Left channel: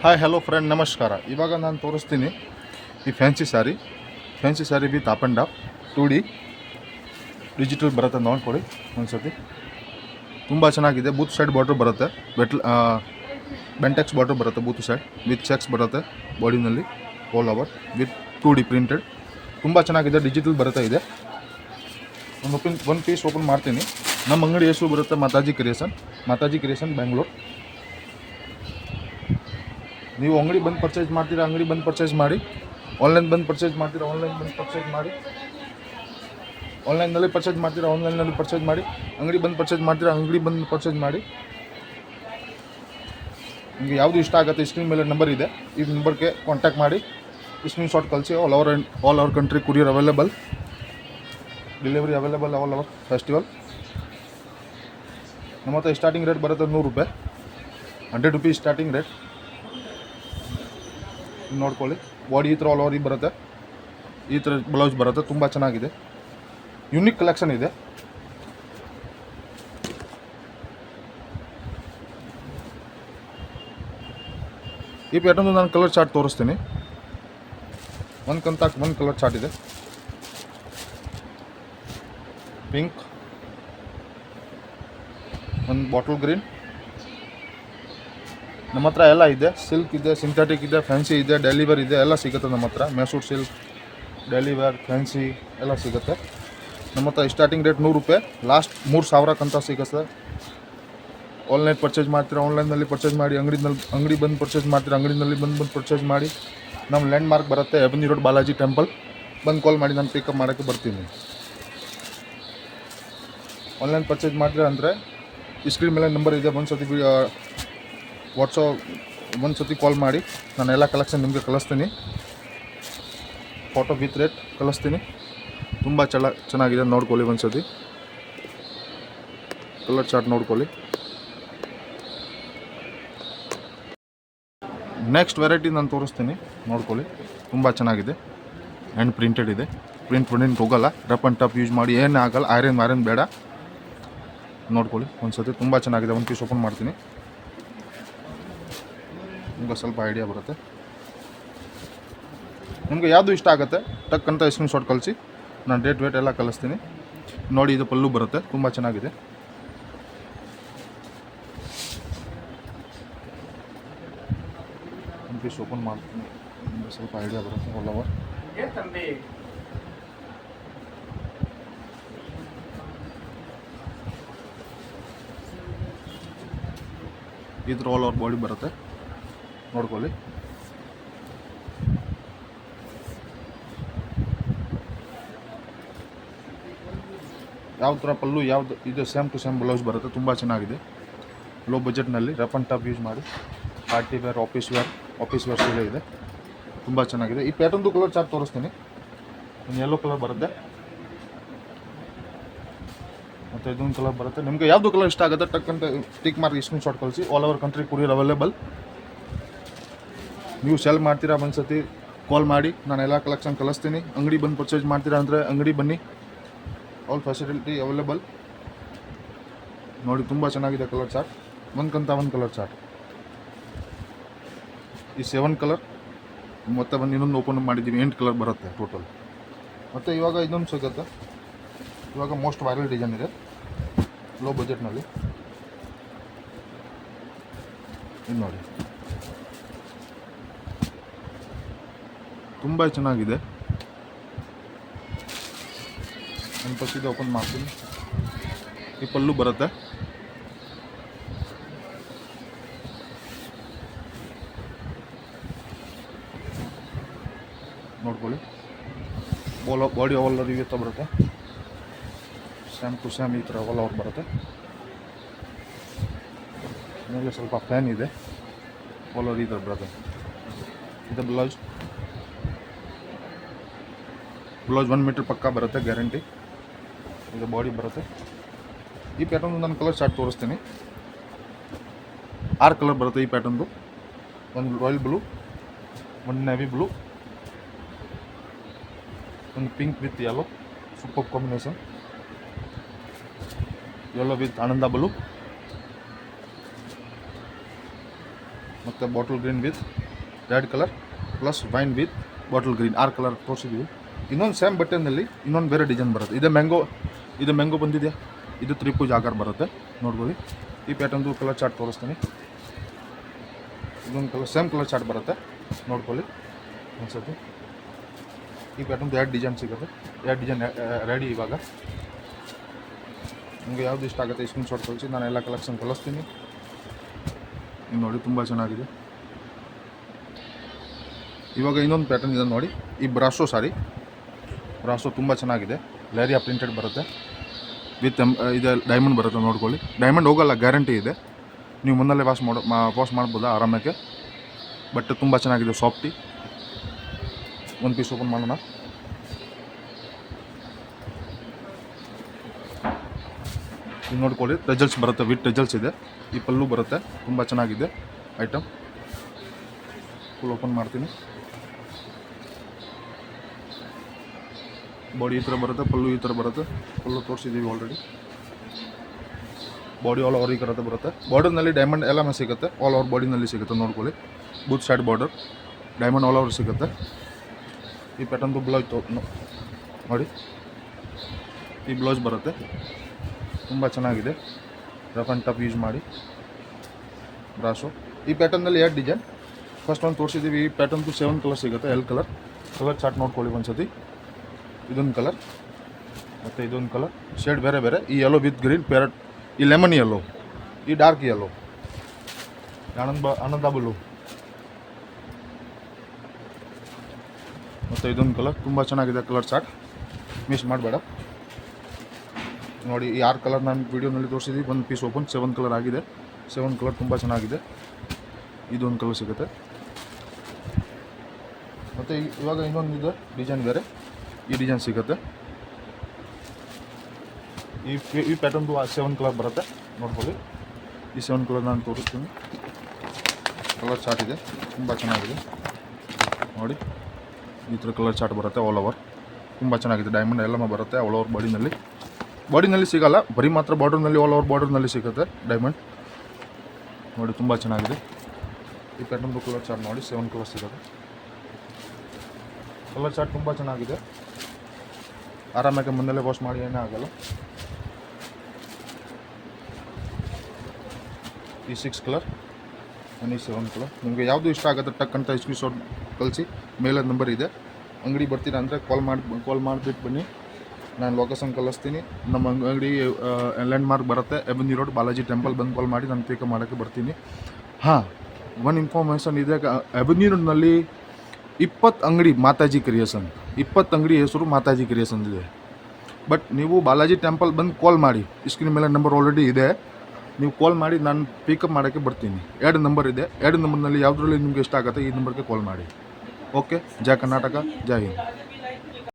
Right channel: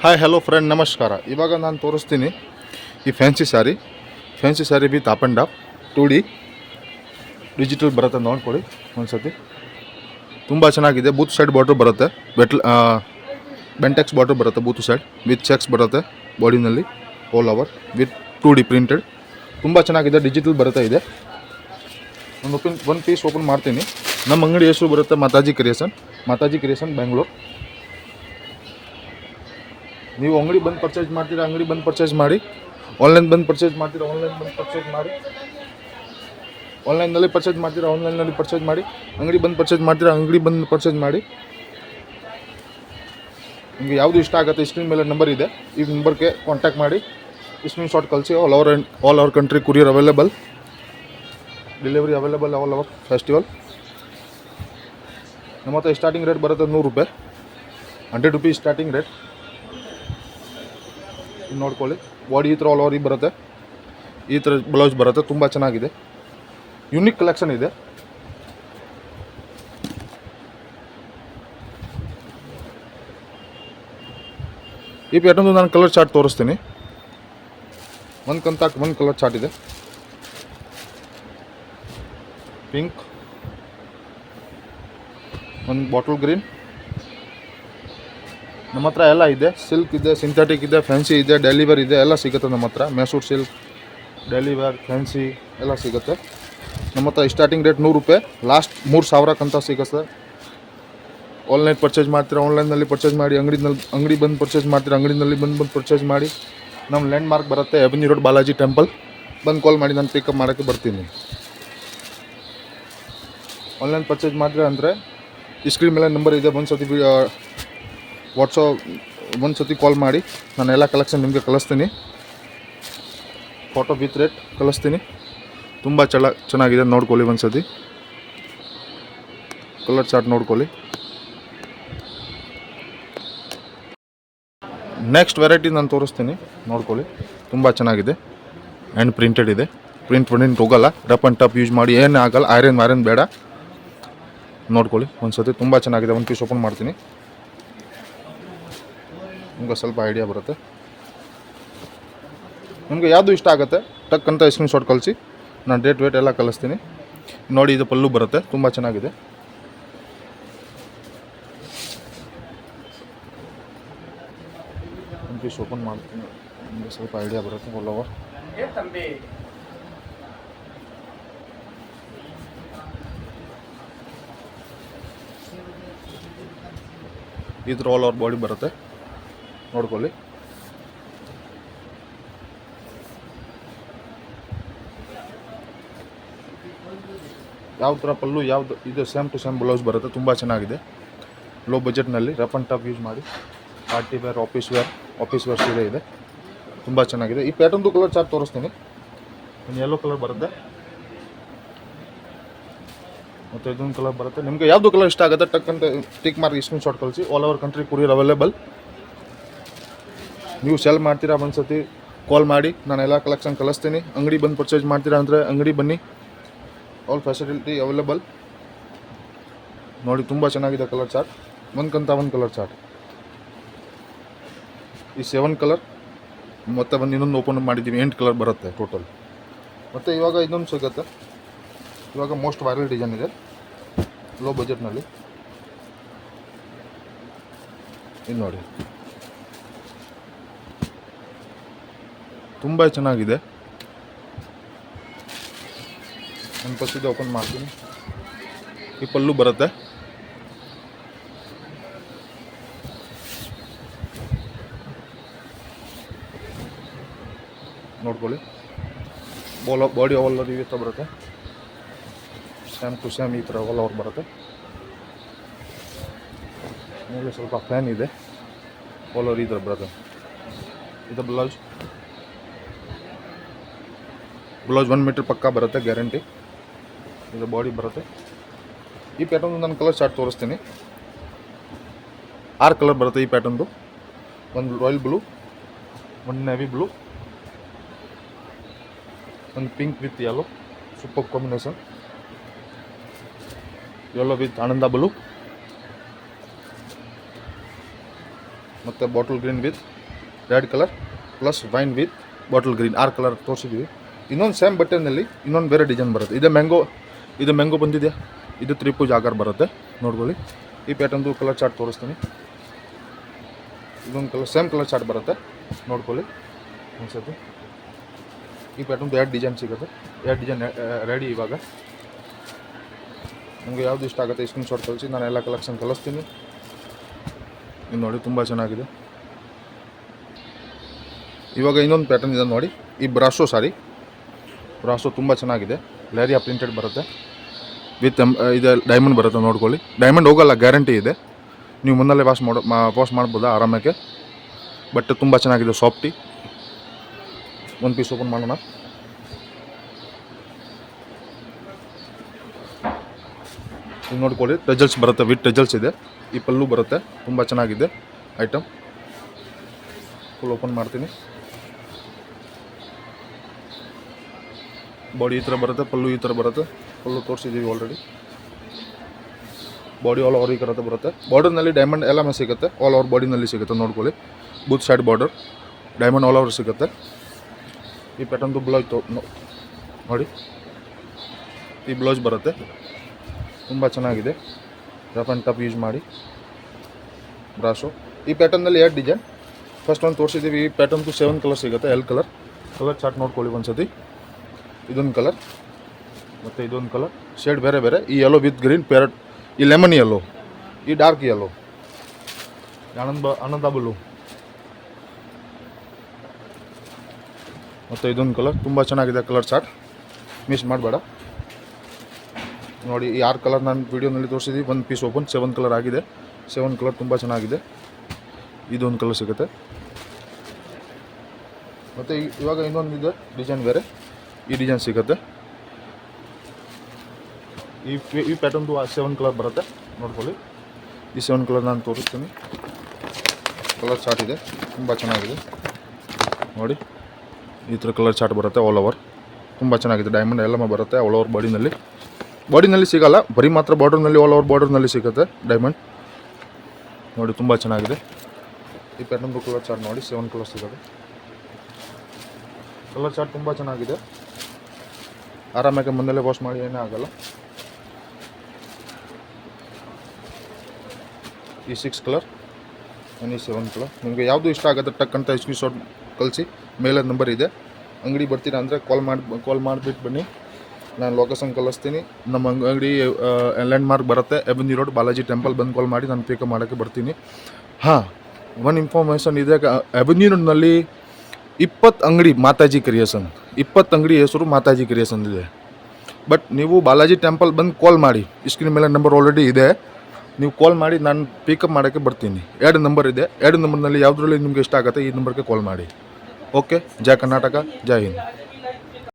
Hi hello friend ನಮಸ್ಕಾರ. ಇವಾಗ ನಾನು ತೋರಿಸ್ತೀನಿ ಈ fancy sari with up and up 2D digital ಬರುತ್ತೆ. ನೋಡ್ಕೊಳ್ಳಿ ಒಂದ್ಸತಿ. ತುಂಬ ಚೆನ್ನಾಗಿದೆ. ಬೂತ್ ಸೈಡ್ ಬಾರ್ಡ್ರ್ ಬರುತ್ತೆ, ಬೆಂಟೆಕ್ಸ್ ಬಾರ್ಡ್ರ್ ಬರುತ್ತೆ. ಬೂತ್ ಸೈಡ್ ವಿತ್ ಚೆಕ್ಸ್ ಬರುತ್ತೆ ಬಾಡಿನಲ್ಲಿ all over with 2D printed. ತುಂಬ ಚೆನ್ನಾಗಿದೆ. ಡಿಜಿಟಲ್ ಬರುತ್ತೆ. ಇದೆ ಒಂದು ಪೀಸ್ ಓಪನ್ ಮಾಡ್ತೀನಿ. ನಮ್ಮ ಅಂಗಡಿ ಹೆಸರು ಬರುತ್ತೆ ಮಾತಾಜಿ ಕ್ರಿಯೇಷನ್ ಬೆಂಗಳೂರು. ನೀವು ಅಂಗಡಿ ಬಂದು ಪರ್ಚೇಸ್ ಮಾಡ್ತೀರಾ, ಅಂಗಡಿ ಬಂದು ಪರ್ಚೇಸ್ ಮಾಡಿ. ಆನ್ಲೈನ್ ಬಂದು ಪರ್ಚೇಸ್ ಮಾಡ್ತೀರಾ, ಆನ್ಲೈನ್ ಬಂದು ಪರ್ಚೇಸ್ ಮಾಡಿ. ಆನ್ಲೈನ್ನಲ್ಲಿ ಪರ್ಚೇಸ್ ಮಾಡ್ತೀರಾ, ಆನ್ಲೈನ್ನಲ್ಲಿ ಪರ್ಚೇಸ್ ಮಾಡಿ. ಅಂಗಡಿ ಬಂದು ಪರ್ಚೇಸ್ ಮಾಡ್ತೀರಾ, ಅಂಗಡಿ ಬಂದು ಪರ್ಚೇಸ್ ಮಾಡಿ. ನಿಮಗೆ ಯಾವುದು ಇಷ್ಟ ಆಗುತ್ತೆ ಸ್ಕ್ರೀನ್ ಮೇಲೆ ನಂಬರ್ ಇದೆ, ಈ ನಂಬರ್ಗೆ ಕಾಂಟ್ಯಾಕ್ಟ್ ಮಾಡಿ. ಸ್ಕ್ರೀನ್ ಶಾಟ್ ಕಳಿಸಿ. All over country courier available, delivery available all over festival. ನಮ್ಮ ಹತ್ರ ಸ್ಟಾರ್ಟಿಂಗ್ ರೇಟ್ ಬರುತ್ತೆ 100 ರೂಪಾಯಿ, 100 ರುಪೀಸ್ ಸ್ಟಾರ್ಟಿಂಗ್ ರೇಟ್. ನೋಡ್ಕೊಳ್ಳಿ. ಬಾಡಿ ಈ ಥರ ಆಲ್ ಓವರ್ ಬರುತ್ತೆ. ಈ ಥರ ಬ್ಲೌಸ್ ಬರುತ್ತೆ. ತುಂಬ ಚೆನ್ನಾಗಿದೆ. ಯುನಿಕ್ ಕಲೆಕ್ಷನ್ ಇದೆ. ಈ ಪ್ಯಾಟರ್ನ್ ನಾನು ಕಲರ್ ಚಾರ್ಟ್ ತೋರಿಸ್ತೀನಿ. ಒಂದು ಕಲರ್ ಚಾರ್ಟ್ ಇದೆ. ಪಿಂಕ್, ಒಂದು ಬಾಟಲ್ ಗ್ರೀನ್. ನಮ್ಮ ಹತ್ರ ಎಲ್ಲ ಇದೆ. ಸಿಲ್ಕ್ ಇದೆ, ಸಿಂಥೆಟಿಕ್ ಇದೆ, ಫ್ಯಾನ್ಸಿ ಇದೆ, ಡೆಲಿವರ್ ಇದೆ, ಎಲ್ಲ ಸಿಗುತ್ತೆ ನಮ್ಮ ಹತ್ರ. ಮ್ಯಾಸೂರ್ ಸಿಲ್ಕ್, ಡೆಲಿವರ್, ಫ್ಯಾನ್ಸಿ ಎಲ್ಲ ಸಿಗುತ್ತೆ ನಮ್ಮ ಹತ್ರ. ಸ್ಟಾರ್ಟಿಂಗ್ ರೇಟ್ 100 ರೂಪಾಯಿ, ಲಾಸ್ಟ್ 3000 ಸಿಗುತ್ತೆ. ಆನ್ಲೈನ್ ಪರ್ಚೇಸ್ ಮಾಡ್ತೀರಾ, ಆನ್ಲೈನಲ್ಲಿ ಪರ್ಚೇಸ್ ಮಾಡಿ. ಅಂಗಡಿ ಬಂದು ಪರ್ಚೇಸ್ ಮಾಡ್ತೀರಾ, ಅಂಗಡಿನಲ್ಲಿ ಬಂದು ಪರ್ಚೇಸ್ ಮಾಡಿ. ನಮ್ಮ ಲ್ಯಾಂಡ್ ಮಾರ್ಕ್ ಬರುತ್ತೆ ಎವೆನ್ಯೂ ರೋಡ್, ಬಾಲಾಜಿ ಟೆಂಪಲ್. ಬಂದು ಕಾಲ್ ಮಾಡಿ, ನಾನು ಪಿಕಪ್ ಮಾಡೋಕ್ಕೆ ಬರ್ತೀನಿ. ಆನ್ಲೈನ್ ಪರ್ಚೇಸ್ ಮಾಡ್ತೀರಾ ಅಂದರೆ ಸ್ಕ್ರೀನ್ ಮೇಲೆ ನಂಬರ್ ಇದೆ. ಒಂದು ಸತಿ ಕಾಲ್ ಮಾಡಿ. ನಾನು ಎಲ್ಲ ಕಲೆಕ್ಷನ್ ನಿಮಗೆ ಕಳಿಸ್ತೀನಿ. ಫೋಟೋ ವಿತ್ ರೇಟ್ ಕಳಿಸ್ತೀನಿ. ತುಂಬ ಚೆನ್ನಾಗಿದೆ. ನೋಡ್ಕೊಳ್ಳಿ ಒಂದು ಸತಿ. ಕಲರ್ ಚಾರ್ಟ್ ನೋಡ್ಕೊಳ್ಳಿ. ನೆಕ್ಸ್ಟ್ ವೆರೈಟಿ ನಾನು ತೋರಿಸ್ತೀನಿ. ನೋಡ್ಕೊಳ್ಳಿ. ತುಂಬ ಚೆನ್ನಾಗಿದೆ. ಆ್ಯಂಡ್ ಪ್ರಿಂಟೆಡ್ ಇದೆ. ಪ್ರಿಂಟ್ ಹೋಗಲ್ಲ. ರಫ್ ಆ್ಯಂಡ್ ಟಫ್ ಯೂಸ್ ಮಾಡಿ, ಏನು ಆಗಲ್ಲ. ಐರನ್ ಬೇಡ. ನೋಡ್ಕೊಳ್ಳಿ ಒಂದು ಸತಿ. ತುಂಬ ಚೆನ್ನಾಗಿದೆ. ಒಂದು ಪೀಸ್ ಓಪನ್ ಮಾಡ್ತೀನಿ. ನಿಮಗೆ ಸ್ವಲ್ಪ ಐಡಿಯಾ ಬರುತ್ತೆ. ನಿಮಗೆ ಯಾವುದು ಇಷ್ಟ ಆಗುತ್ತೆ ಟಕ್ ಅಂತ ಸ್ಕ್ರೀನ್ ಶಾಟ್ ಕಳಿಸಿ. ನಾನು ಡೇಟ್ ವೇಟ್ ಎಲ್ಲ ಕಳಿಸ್ತೀನಿ. ನೋಡಿ, ಇದು ಪಲ್ಲು ಬರುತ್ತೆ. ತುಂಬ ಚೆನ್ನಾಗಿದೆ. ಒಂದು ಪೀಸ್ ಓಪನ್ ಮಾಡ್ತೀನಿ. ನಿಮಗೆ ಸ್ವಲ್ಪ ಐಡಿಯಾ ಬರುತ್ತೆ. ಆಲ್ ಓವರ್ ಈ ಥರ ಆಲ್ ಓವರ್ ಬಾಡಿ ಬರುತ್ತೆ. ನೋಡ್ಕೊಳ್ಳಿ. ಯಾವ ಥರ ಪಲ್ಲು ಯಾವುದು ಇದೆ, ಸೇಮ್ ಟು ಸೇಮ್ ಬ್ಲೌಸ್ ಬರುತ್ತೆ. ತುಂಬ ಚೆನ್ನಾಗಿದೆ. ಲೋ ಬಜೆಟ್ನಲ್ಲಿ ರಫ್ ಆ್ಯಂಡ್ ಟಫ್ ಯೂಸ್ ಮಾಡಿ. ಪಾರ್ಟಿ ವೇರ್, ಆಫೀಸ್ ವೇರ್ ಸೀರೆ ಇದೆ. ತುಂಬ ಚೆನ್ನಾಗಿದೆ. ಈ ಪ್ಯಾಟರ್ನ್ದು ಕಲರ್ ಚಾರ್ಟ್ ತೋರಿಸ್ತೀನಿ. ಒಂದು ಯೆಲ್ಲೋ ಕಲರ್ ಬರುತ್ತೆ ಮತ್ತು ಇದೊಂದು ಕಲರ್ ಬರುತ್ತೆ. ನಿಮಗೆ ಯಾವುದು ಕಲರ್ ಇಷ್ಟ ಆಗುತ್ತೆ ಟಕ್ ಅಂತ ಟಿಕ್ ಮಾರ್ಕ್ ಸ್ಕ್ರೀನ್ ಶಾಟ್ ಕಳಿಸಿ. All over country courier available. ನೀವು ಸೆಲ್ ಮಾಡ್ತೀರಾ ಒಂದ್ಸತಿ ಕಾಲ್ ಮಾಡಿ, ನಾನು ಎಲ್ಲ ಕಲೆಕ್ಷನ್ ಕಳಿಸ್ತೀನಿ. ಅಂಗಡಿ ಬಂದು ಪರ್ಚೇಸ್ ಮಾಡ್ತೀರಾ ಅಂದರೆ ಅಂಗಡಿ ಬನ್ನಿ. All facility available. ನೋಡಿ, ತುಂಬ ಚೆನ್ನಾಗಿದೆ ಕಲರ್ ಚಾರ್ಟ್. ಒಂದು ಕಲರ್ ಚಾರ್ಟ್. ಈ 7 ಕಲರ್ ಮತ್ತು ಇನ್ನೊಂದು ಓಪನ್ ಮಾಡಿದ್ದೀವಿ. 8 ಕಲರ್ ಬರುತ್ತೆ ಟೋಟಲ್. ಮತ್ತು ಇವಾಗ ಇನ್ನೊಂದು ಸಿಗುತ್ತೆ. ಇವಾಗ ಮೋಸ್ಟ್ ವೈರಲ್ ಡಿಸೈನ್ ಇದೆ ಲೋ ಬಜೆಟ್ನಲ್ಲಿ. ಇದು ನೋಡಿ, ತುಂಬ ಚೆನ್ನಾಗಿದೆ. ಒಂದು ಫಸ್ಟಿಗೆ ಓಪನ್ ಮಾಡ್ತೀನಿ. ಈ ಪಲ್ಲು ಬರುತ್ತೆ. ನೋಡ್ಕೊಳ್ಳಿ. ಬಾಡಿ ಆಲ್ ಓವರ್ ಈ ಥರ ಬರುತ್ತೆ. ಸೇಮ್ ಟು ಸೇಮ್ ಈ ಥರ ಆಲ್ ಓವರ್ ಬರುತ್ತೆ. ಮೇಲೆ ಸ್ವಲ್ಪ ಫ್ಯಾನ್ ಇದೆ. ಆಲ್ ಓವರ್ ಈ ಥರ ಬರುತ್ತೆ. ಇದು ಬ್ಲೌಸ್ 1 ಮೀಟರ್ ಪಕ್ಕ ಬರುತ್ತೆ, ಗ್ಯಾರಂಟಿ. ಇದು ಬಾಡಿ ಬರುತ್ತೆ. ಈ ಪ್ಯಾಟರ್ನ್ ನಾನು ಕಲರ್ ಚಾರ್ಟ್ ತೋರಿಸ್ತೀನಿ. 6 ಕಲರ್ ಬರುತ್ತೆ ಈ ಪ್ಯಾಟರ್ನ್ದು. ಒಂದು ರಾಯಲ್ ಬ್ಲೂ, ಒಂದು ನೇವಿ ಬ್ಲೂ, ಒಂದು pink with yellow, super combination. yellow with ananda blue, ಮತ್ತು bottle green with red colour plus wine with bottle green 6 colour ತೋರಿಸಿದ್ದೀವಿ. ಇನ್ನೊಂದು ಸೇಮ್ ಬಟ್ಟೆನಲ್ಲಿ ಇನ್ನೊಂದು ಬೇರೆ ಡಿಸೈನ್ ಬರುತ್ತೆ. ಇದು ಮ್ಯಾಂಗೋ ಬಂದಿದೆಯಾ, ಇದು ತ್ರಿಪುಜ್ ಆಕಾರ ಬರುತ್ತೆ ನೋಡ್ಕೊಳ್ಳಿ. ಈ ಪ್ಯಾಟರ್ನ್ದು ಕಲರ್ ಚಾರ್ಟ್ ತೋರಿಸ್ತೀನಿ. ಇದೊಂದು ಸೇಮ್ ಕಲರ್ ಚಾರ್ಟ್ ಬರುತ್ತೆ ನೋಡ್ಕೊಳ್ಳಿ ಒಂದ್ಸತಿ. ಈ ಪ್ಯಾಟರ್ನ್ದು 2 ಡಿಸೈನ್ ಸಿಗುತ್ತೆ. 2 ಡಿಸೈನ್ ರೆಡಿ. ಇವಾಗ ನಿಮಗೆ ಯಾವುದು ಇಷ್ಟ ಆಗುತ್ತೆ ಸ್ಕ್ರೀನ್ಶಾಟ್ ಕಳಿಸಿ, ನಾನು ಎಲ್ಲ ಕಲೆಕ್ಷನ್ ಕಳಿಸ್ತೀನಿ. ಇದು ನೋಡಿ ತುಂಬ ಚೆನ್ನಾಗಿದೆ. ಇವಾಗ ಇನ್ನೊಂದು ಪ್ಯಾಟರ್ನ್ ಇದೆ ನೋಡಿ, ಈ ಬ್ರಾಸೋ ತುಂಬ ಚೆನ್ನಾಗಿದೆ. ಲೇರಿಯಾ ಪ್ರಿಂಟೆಡ್ ಬರುತ್ತೆ ವಿತ್ ಇದು ಡೈಮಂಡ್ ಬರುತ್ತೆ ನೋಡ್ಕೊಳ್ಳಿ. ಡೈಮಂಡ್ ಹೋಗಲ್ಲ, ಗ್ಯಾರಂಟಿ ಇದೆ. ನೀವು ಮುನ್ನಲ್ಲೇ ವಾಶ್ ಮಾಡ್ಬೋದಾ ಆರಾಮಕ್ಕೆ. ಬಟ್ಟೆ ತುಂಬ ಚೆನ್ನಾಗಿದೆ, ಸಾಫ್ಟಿ. ಒಂದು ಪೀಸ್ ಓಪನ್ ಮಾಡೋಣ. ಇದು ನೋಡ್ಕೊಳ್ಳಿ, ಟೆಜಲ್ಸ್ ಬರುತ್ತೆ, ವಿತ್ ಟೆಜಲ್ಸ್ ಇದೆ. ಈ ಪಲ್ಲು ಬರುತ್ತೆ, ತುಂಬ ಚೆನ್ನಾಗಿದೆ ಐಟಮ್. ಫುಲ್ ಓಪನ್ ಮಾಡ್ತೀನಿ. ಬಾಡಿ ಈ ಥರ ಬರುತ್ತೆ, ಪಲ್ಲು ಈ ಥರ ಬರುತ್ತೆ. ಪಲ್ಲು ತೋರಿಸಿದ್ದೀವಿ ಆಲ್ರೆಡಿ. ಬಾಡಿ ಆಲ್ ಓವರ್ ಈ ಥರ ಬರುತ್ತೆ. ಬಾರ್ಡರ್ನಲ್ಲಿ ಡೈಮಂಡ್ ಎಲ್ಲ ಸಿಗುತ್ತೆ, ಆಲ್ ಓವರ್ ಬಾಡಿನಲ್ಲಿ ಸಿಗುತ್ತೆ ನೋಡ್ಕೊಳ್ಳಿ. Booth side border diamond all over ಸಿಗುತ್ತೆ. ಈ ಪ್ಯಾಟರ್ನ್ದು ಬ್ಲೌಸ್ ನೋಡಿ, ಈ ಬ್ಲೌಸ್ ಬರುತ್ತೆ, ತುಂಬ ಚೆನ್ನಾಗಿದೆ. ರಫ್ ಆ್ಯಂಡ್ ಟಫ್ ಯೂಸ್ ಮಾಡಿ ಬ್ರಾಶು. ಈ ಪ್ಯಾಟರ್ನಲ್ಲಿ 2 ಡಿಸೈನ್. ಫಸ್ಟ್ ಒಂದು ತೋರಿಸಿದ್ದೀವಿ. ಈ ಪ್ಯಾಟರ್ನ್ದು 7 ಕಲರ್ ಸಿಗುತ್ತೆ, L ಕಲರ್. ಚಾರ್ಟ್ ನೋಡ್ಕೊಳ್ಳಿ ಒಂದ್ಸತಿ. ಇದೊಂದು ಕಲರ್ ಮತ್ತು ಇದೊಂದು ಕಲರ್ ಶೇಡ್ ಬೇರೆ ಬೇರೆ. ಈ ಯೆಲ್ಲೋ ವಿತ್ ಗ್ರೀನ್ ಪ್ಯಾರೆಟ್, ಈ ಲೆಮನ್ ಯೆಲ್ಲೋ, ಈ ಡಾರ್ಕ್ ಯೆಲ್ಲೋ, ಆನಂದ ಬ್ಲೂ ಮತ್ತು ಇದೊಂದು ಕಲರ್. ತುಂಬ ಚೆನ್ನಾಗಿದೆ ಕಲರ್ ಚಾರ್ಟ್, ಮಿಸ್ ಮಾಡಬೇಡ ನೋಡಿ. ಈ 6 ಕಲರ್ ನಾನು ವೀಡಿಯೋನಲ್ಲಿ ತೋರಿಸಿದ್ದೀವಿ. ಒಂದು ಪೀಸ್ ಓಪನ್ 7 ಕಲರ್ ಆಗಿದೆ. 7 ಕಲರ್ ತುಂಬ ಚೆನ್ನಾಗಿದೆ. ಇದೊಂದು ಕಲರ್ ಸಿಗುತ್ತೆ. ಮತ್ತು ಇವಾಗ ಇನ್ನೊಂದಿದೆ ಡಿಸೈನ್ ಬೇರೆ, ಈ ಡಿಸೈನ್ ಸಿಗುತ್ತೆ. ಈ ಪ್ಯಾಟರ್ನ್ದು 7 ಕಲರ್ ಬರುತ್ತೆ ನೋಡ್ಕೊಳ್ಳಿ. ಈ 7 ಕಲರ್ ನಾನು ತೋರಿಸ್ತೀನಿ. ಕಲರ್ ಚಾರ್ಟ್ ಇದೆ, ತುಂಬ ಚೆನ್ನಾಗಿದೆ ನೋಡಿ. ಈ ಥರ ಕಲರ್ ಚಾರ್ಟ್ ಬರುತ್ತೆ ಆಲ್ ಓವರ್, ತುಂಬ ಚೆನ್ನಾಗಿದೆ. ಡೈಮಂಡ್ ಎಲ್ಲ ಬರುತ್ತೆ ಆಲ್ ಓವರ್ ಬಾಡಿನಲ್ಲಿ ಸಿಗೋಲ್ಲ, ಬರೀ ಮಾತ್ರ ಬಾರ್ಡರ್ನಲ್ಲಿ ಆಲ್ ಓವರ್ ಬಾರ್ಡರ್ನಲ್ಲಿ ಸಿಗುತ್ತೆ ಡೈಮಂಡ್ ನೋಡಿ. ತುಂಬ ಚೆನ್ನಾಗಿದೆ. ಈ ಪ್ಯಾಟರ್ನ್ದು ಕಲರ್ ಚಾರ್ಟ್ ನೋಡಿ, 7 ಕಲರ್ ಸಿಗುತ್ತೆ. ಕಲರ್ ಚಾರ್ಟ್ ತುಂಬ ಚೆನ್ನಾಗಿದೆ. ಆರಾಮಾಗಿ ಮುನ್ನಲ್ಲೇ ವಾಶ್ ಮಾಡಿ ಏನೇ ಆಗಲ್ಲ. ಈ 6 ಕಲರ್ ಈ 7 ಕಲರ್. ನಿಮಗೆ ಯಾವುದು ಇಷ್ಟ ಆಗುತ್ತೆ ಟಕ್ ಅಂತ ಸ್ಕ್ರೀನ್ಶಾಟ್ ಕಳಿಸಿ. ಮೇಲದ ನಂಬರ್ ಇದೆ. ಅಂಗಡಿ ಬರ್ತೀನಿ ಅಂದರೆ ಕಾಲ್ ಮಾಡಿಬಿಟ್ಟು ಬನ್ನಿ, ನಾನು ಲೊಕೇಶನ್ ಕಳಿಸ್ತೀನಿ. ನಮ್ಮ ಅಂಗಡಿ ಲ್ಯಾಂಡ್ ಮಾರ್ಕ್ ಬರುತ್ತೆ, ಎವೆನ್ಯೂ ರೋಡ್, ಬಾಲಾಜಿ ಟೆಂಪಲ್. ಬಂದು ಕಾಲ್ ಮಾಡಿ ನಾನು ಪಿಕಪ್ ಮಾಡೋಕ್ಕೆ ಬರ್ತೀನಿ. ಹಾಂ, ಒಂದು ಇನ್ಫಾರ್ಮೇಷನ್ ಇದೆ. ಎವೆನ್ಯೂ ರೋಡ್ನಲ್ಲಿ 20 ಅಂಗಡಿ ಮಾತಾಜಿ ಕ್ರಿಯೇಷನ್, 20 ಅಂಗಡಿ ಹೆಸರು ಮಾತಾಜಿ ಕ್ರಿಯೇಷನ್ ಇದೆ. ಬಟ್ ನೀವು ಬಾಲಾಜಿ ಟೆಂಪಲ್ ಬಂದು ಕಾಲ್ ಮಾಡಿ, ಸ್ಕ್ರೀನ್ ಮೇಲೆ ನಂಬರ್ ಆಲ್ರೆಡಿ ಇದೆ. ನೀವು ಕಾಲ್ ಮಾಡಿ, ನಾನು ಪಿಕಪ್ ಮಾಡೋಕ್ಕೆ ಬರ್ತೀನಿ. 2 ನಂಬರ್ ಇದೆ. 2 ನಂಬರ್ನಲ್ಲಿ ಯಾವುದರಲ್ಲಿ ನಿಮಗೆ ಇಷ್ಟ ಆಗುತ್ತೆ ಈ ನಂಬರ್ಗೆ ಕಾಲ್ ಮಾಡಿ. ಓಕೆ. ಜೈ ಕರ್ನಾಟಕ, ಜೈ ಹಿಂದ್.